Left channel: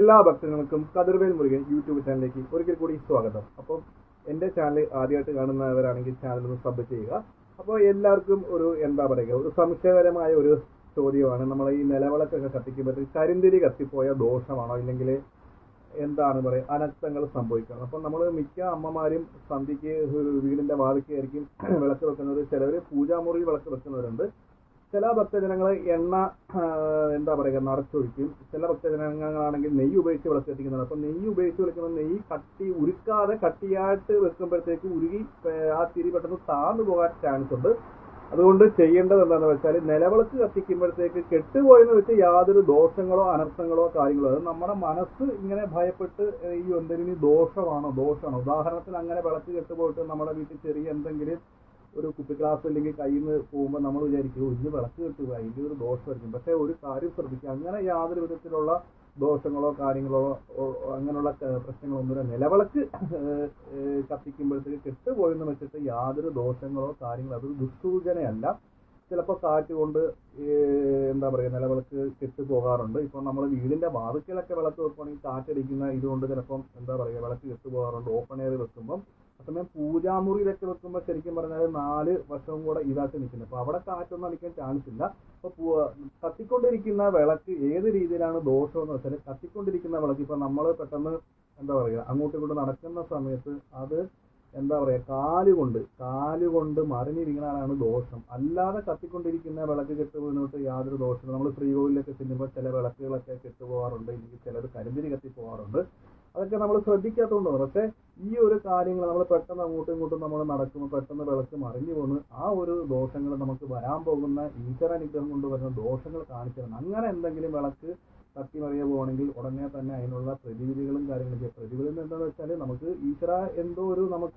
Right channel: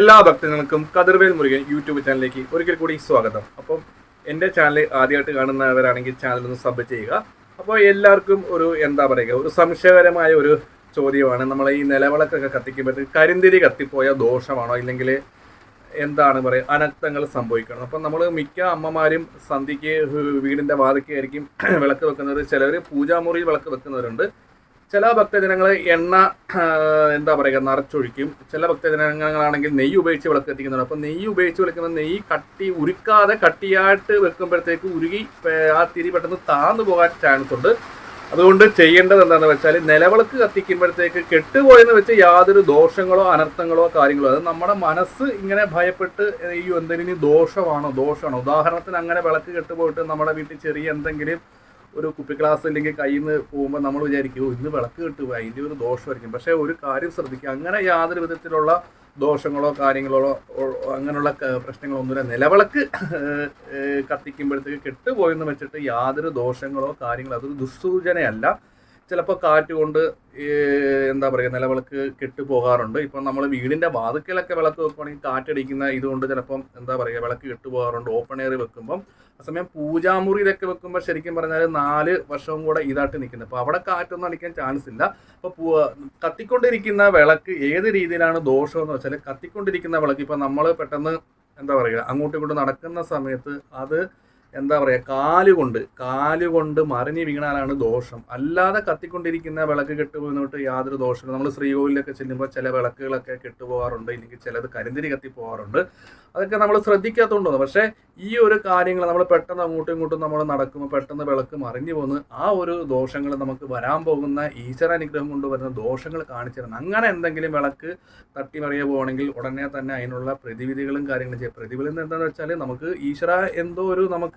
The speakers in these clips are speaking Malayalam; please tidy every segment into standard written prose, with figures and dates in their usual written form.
എല്ലാ ഭക്തജനങ്ങൾക്കും കതിർവേൽ മുരുകൻ യൂട്യൂബ് ചാനലിലേക്ക് ഒരിക്കൽ കൂടി സ്വാഗതം. അപ്പം എൻ്റെ ചാനൽ ആദ്യമായിട്ട് കാണുന്നവരാണെങ്കിൽ ചാനൽ ഒന്ന് സബ് ചെയ്യുക. അപ്പോൾ എല്ലാവർക്കും ഒരു സംശയകരമായ ഒരു ചോദ്യമാണ്, നമ്മൾ ഈ നിലവിളക്കൊക്കെ കത്തിക്കുമ്പോഴത്തേക്ക് കരിന്തിരി കത്തിപ്പോയ ദോഷമാണോ, ഇല്ലെങ്കിൽ എന്താണ് പറയുക അനർത്ഥങ്ങൾ സംഭവിക്കണം. അപ്പം നമ്മൾ മിക്ക അമ്മമാരും സന്ധ്യയ്ക്ക് വീടിൻ്റെ വാതിൽക്കായിരിക്കും വിളക്ക് വെക്കുന്നവർ. ചിലർ പൂജാമുറിയിൽ വിളക്ക് വെക്കുന്നവരുണ്ട്. ചില ഭക്തജനങ്ങൾ എണ്ണ നിറച്ചൊഴിക്കും. ചില ഭക്തജനങ്ങളാണെങ്കിൽ നെയ്യ് ഉപയോഗിച്ച് വിളക്ക് കത്തിക്കുന്നുണ്ട്. അപ്പം നെയ്യ് ഉപയോഗിച്ച് വിളക്കുന്ന നെയ്യ് ഉരുക്കാതെ കട്ടിയായിട്ട് വെക്കുമ്പോഴത്തേക്ക് ഉരുകി ആ തിരി പെട്ടെന്ന് താന്നു പോകാൻ ചാൻസ് ഉണ്ട്. അതുകൊണ്ട് ചെയ്യേണ്ടത് എന്താണെന്ന് വെച്ചാൽ, നിലവിളക്ക് കത്തിക്കുമ്പോഴത്തേക്ക് കെട്ടുപോയെന്ന് വെച്ച് യാതൊരു ദോഷങ്ങളോ അനർത്ഥങ്ങളോ കാര്യങ്ങളോ, അത് നമ്മുടെ മനസ്സ് ഇങ്ങനെ ഭയപ്പെട്ട് ഈ എന്തെങ്കിലും ദോഷമാണോ. ഉദാഹരണത്തിന് അങ്ങനെ വിളക്ക് കെട്ടുപോയിട്ട് നമ്മുടെ വീട്ടിൽ ചെറിയ എന്തെങ്കിലും ഒരു കുപ്പി ഗ്ലാസ് അല്ലെങ്കിൽ കയ്യിൽ നിന്ന് പോകുമ്പോൾ നമ്മൾ വിചാരിക്കും ഇന്ന് വിളക്ക് കിട്ടുക, അതിൻ്റെ ഒരു ദോഷമായിരിക്കും. പക്ഷേ ഒരു കാര്യം ശ്രദ്ധിക്കുക, അങ്ങനെ യാതൊരു വിധത്തിലുള്ള ദോഷങ്ങളോ കാര്യങ്ങളോ അങ്ങനെയുള്ള പ്രശ്നങ്ങളൊന്നുമില്ല. നിലവിളക്ക് കത്തിക്കുമ്പോഴത്തേക്ക് കെട്ടുപോയെന്ന് വെച്ചിട്ട് യാതൊരു ദോഷങ്ങളോ കാര്യങ്ങളോ അതൊരു ദുസ്സൂചനയല്ല. ചിലപ്പോൾ കാറ്റ് കൊണ്ട് നിലവിളക്ക് കെട്ടുപോകാറുണ്ട്. ഇപ്പം നമ്മൾ വീടിൻ്റെ വാതിക്കലൊക്കെ വിളക്ക് വെക്കുകയാണെങ്കിൽ കാറ്റടിക്കുന്ന ഇതുകൊണ്ട് ചിലപ്പം വിളക്ക് കെട്ടുപോകാറുണ്ട് ഓപ്പൺ എയർ വെക്കുമ്പം. അസമയം പൂജാമുറിയിലൊക്കെ വെക്കുമ്പോൾ ശരിക്കും പറഞ്ഞാൽ 4 വർഷവും കൂടെ ഇതായിട്ട് നിൽക്കുന്നത്. അപ്പോൾ അവിടെ കാറ്റൊന്നും അടിക്കാൻ ചാൻസ് ഇല്ല. അപ്പോൾ കത്തിക്കൊണ്ടിരിക്കുന്ന വിളക്ക് ഏത് രീതിയിലാണ് ദോഷമെന്ന് വെച്ചാൽ, കത്തിക്കൊണ്ടിരിക്കുന്ന വിളക്ക് ഇപ്പം നമ്മൾ പെട്ടെന്ന് അങ്ങോട്ടും ഇങ്ങോട്ടും നടക്കുന്ന സമയത്ത് അത് കാലുകൊണ്ട് മറിഞ്ഞ് വീണാലാണ് ദോഷം. അല്ലാതെ കത്തിക്കൊണ്ടിരിക്കുന്ന വിളക്ക് കെട്ടുപോയിട്ട് യാതൊരു ദോഷവും. നമ്മൾ ശ്രീകോവിലൊക്കെ ചെല്ലുമ്പോൾ ചില വിളക്കുകളൊക്കെ കെട്ടുപോകാറുണ്ട്, ഇല്ലെങ്കിൽ ചിലത് കരിന്തിരി കത്തിപ്പോകാറുണ്ട്. അതൊക്കെ നമ്മൾ ശ്രദ്ധിക്കാത്തതുകൊണ്ടാണ്. പക്ഷേ ഈ ഒരു കാര്യങ്ങൾ നമ്മൾ പെട്ടെന്ന് അങ്ങോട്ടും ഇങ്ങോട്ടും നമ്മൾ നടക്കുമ്പോൾ പെട്ടെന്ന് വിളക്ക് മറിഞ്ഞു പോകുന്ന ആ ഒരു ദോഷങ്ങൾ നമുക്ക് വരാൻ പോകുന്ന ഈശ്വര അനുഗ്രഹം കൊണ്ടുവരുന്ന ദോഷങ്ങൾ കാണിച്ചു തരണം. അങ്ങനെ എന്തെങ്കിലും വിളക്ക് തട്ടിമറിയ പോകണമെങ്കിൽ ഉടനെ തന്നെ അതിനുള്ള പ്രതിവിധികളും കാര്യങ്ങളും ചെയ്യുക. പ്രതിവിധി എന്താണെന്ന് വെച്ചാൽ, നമുക്ക് ഈശ്വര എന്തോ ഒരു നമുക്ക്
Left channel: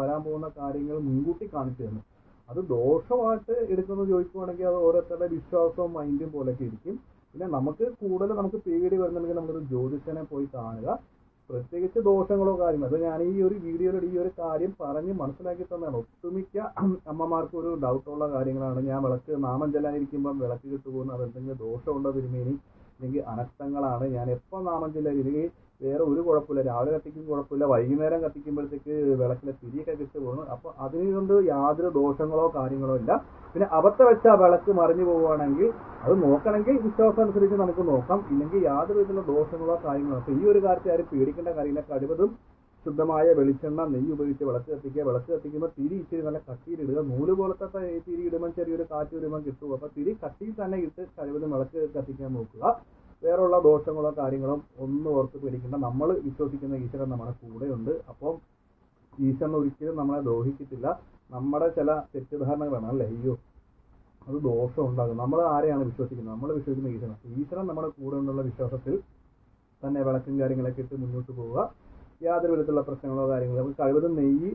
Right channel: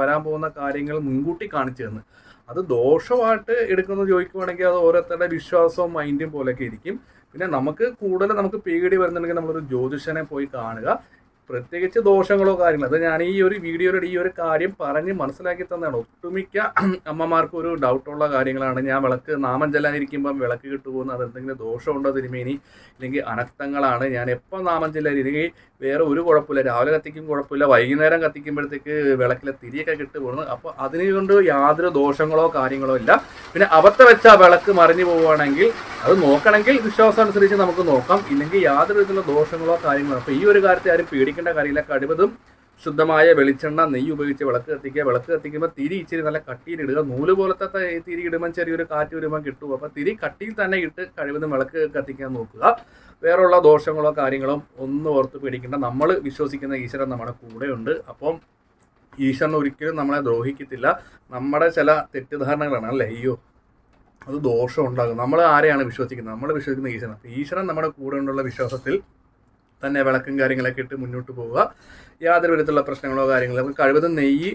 വരാൻ പോകുന്ന കാര്യങ്ങൾ മുൻകൂട്ടി കാണിച്ചു തന്നു. അത് ദോഷമായിട്ട് എടുക്കുന്നത് ചോദിക്കുവാണെങ്കിൽ അത് ഓരോരുത്തരുടെ വിശ്വാസവും മൈൻഡും പോലെയൊക്കെ ഇരിക്കും. പിന്നെ നമുക്ക് പേടി വരുന്നുണ്ടെങ്കിൽ നമ്മളൊരു ജ്യോതിഷനെ പോയി കാണുക. പ്രത്യേകിച്ച് ദോഷങ്ങളോ കാര്യങ്ങളോ അത് ഞാൻ ഈ ഒരു വീഡിയോയുടെ ഈ ഒരു കാര്യം പറഞ്ഞ് മനസ്സിലാക്കി തന്നെയാണ്. ഒട്ടുമിക്ക അമ്മമാർക്കും ഒരു ഡൗട്ടുള്ള കാര്യങ്ങളാണ്. ഞാൻ വിളക്ക് നാമം ചെല്ലാനിരിക്കുമ്പം വിളക്ക് കിട്ടുപോകുന്നത് അതെന്തെങ്കിലും ദോഷമുണ്ടോ തിരുമേനി, ഇല്ലെങ്കിൽ അനർത്ഥങ്ങളാണ്. ഞാൻ എപ്പോൾ നാമം ചെല്ലാനില്ലെങ്കിൽ വേറെ ഒരു കുഴപ്പമില്ല, രാവിലെ കത്തിക്കും കുഴപ്പമില്ല, വൈകുന്നേരം കത്തിക്കുമ്പോഴത്തേക്ക് വിളക്കിലെ തിരിയൊക്കെ കിട്ടുപോകുന്നത്. അപ്പോൾ അതിനുകൊണ്ട് യാതൊരു ദോഷങ്ങളോ കാര്യങ്ങളോ ഇല്ല. പിന്നെ അബദ്ധം വെച്ച വിളക്ക് മറിഞ്ഞു പോവുകയാണെങ്കിൽ അത് നോക്കണമെങ്കിൽ വിശ്വാസം അനുസരിച്ച് നമുക്ക് നോക്കാം, ഇല്ലെങ്കിൽ യാതൊരു വിധത്തിലുള്ള ദോഷങ്ങളോ കാര്യങ്ങളോ. അപ്പോൾ ഈ ഒരു കാര്യത്തെ ആരും പേടിക്കേണ്ട കാര്യമില്ല. കഴിവതും ശുദ്ധമായ വെളിച്ചെണ്ണ നെയ്യ് ഉപയോഗിച്ച് വിളക്ക് കത്തിക്കുക. വിളക്ക് കത്തിക്കുമ്പോൾ തിരി ഇച്ചിരി നല്ല കട്ടിയിലിടുക. നൂല് പോലത്തെ തിരി ഇടുമ്പം ചെറിയൊരു കാറ്റ് വരുമ്പോൾ കിട്ടും. അപ്പോൾ തിരി കട്ടിയിൽ തന്നെ ഇട്ട് കഴിവതും വിളക്ക് കത്തിക്കാൻ നോക്കുക. വേറെയുള്ള ദോഷങ്ങളോ കാര്യങ്ങളോ ഒന്നും ഓർത്ത് പേടിക്കേണ്ട. നമ്മൾ വിശ്വസിക്കുന്ന ഈശ്വരൻ നമ്മുടെ കൂടെയുണ്ട്. അപ്പം ഈശ്വരൻ ഒരിക്കലും നമ്മളെ ദ്രോഹിക്കത്തില്ല. നമ്മുടെ ചില തെറ്റിദ്ധാരണകളാണ്, അല്ലേ, അയ്യോ അത് ദോഷം ഉണ്ടാകും. നമ്മൾ ആരെയാണ് വിശ്വസിക്കുന്നത്? നമ്മൾ വിശ്വസിക്കുന്ന ഈശ്വരൻ. ഈശ്വരൻ നമ്മുടെ കൂടെ ഉള്ള വിശ്വാസത്തിൽ തന്നെ വിളക്കും കാര്യങ്ങളൊക്കെ ഇട്ട് മുന്നോട്ട് പോവുക. യാതൊരു വിധത്തിലുള്ള പ്രശ്നങ്ങളോ കാര്യങ്ങളോ കഴിവതും നെയ്യ്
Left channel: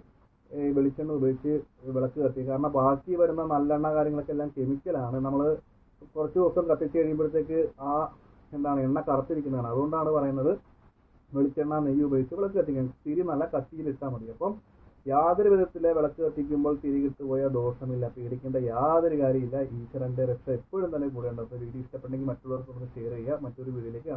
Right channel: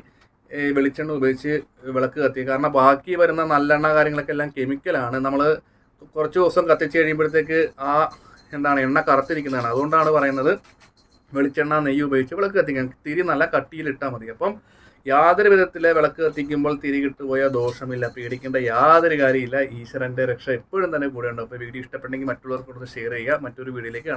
വെളിച്ചെണ്ണ ഉപയോഗിച്ച് വിളക്ക് കത്തിക്കുക. കാരണം ബാക്കി വരുന്ന നല്ലെണ്ണ കാര്യങ്ങളൊക്കെ എല്ലാം കെമിക്കലാണ്. നമ്മൾ കുറച്ച് ദിവസം കത്തിച്ച് കഴിയുമ്പോഴത്തേക്ക് ആ എണ്ണ കറുത്തിരിക്കുന്നതാണ്. അതുകൊണ്ടാണ് പറയുന്നത് വെളിച്ചെണ്ണ നെയ്യ് ഉപയോഗിച്ച് വിളക്ക് കത്തിക്കാൻ. തിരി നല്ല കട്ടിയിലിട്ടാൽ മതി. അപ്പം യാതൊരു വിധത്തിലെ വിളക്ക് കത്തിക്കുമ്പോൾ തിരി കിട്ടുപോയ ദോഷമില്ല, പേടിക്കേണ്ട യാതൊരു കാര്യമില്ല. ഈശ്വരൻ്റെ രക്ഷ എപ്പോഴും തന്നെ കൂടെ ഉണ്ട്. അപ്പോൾ വീഡിയോ ഇഷ്ടപ്പെട്ടെങ്കിൽ മറ്റുള്ളവർക്ക് കൊടുത്ത് ഷെയർ ചെയ്യുക. മറ്റൊരു വീഡിയോയിലേക്ക് കാണാം.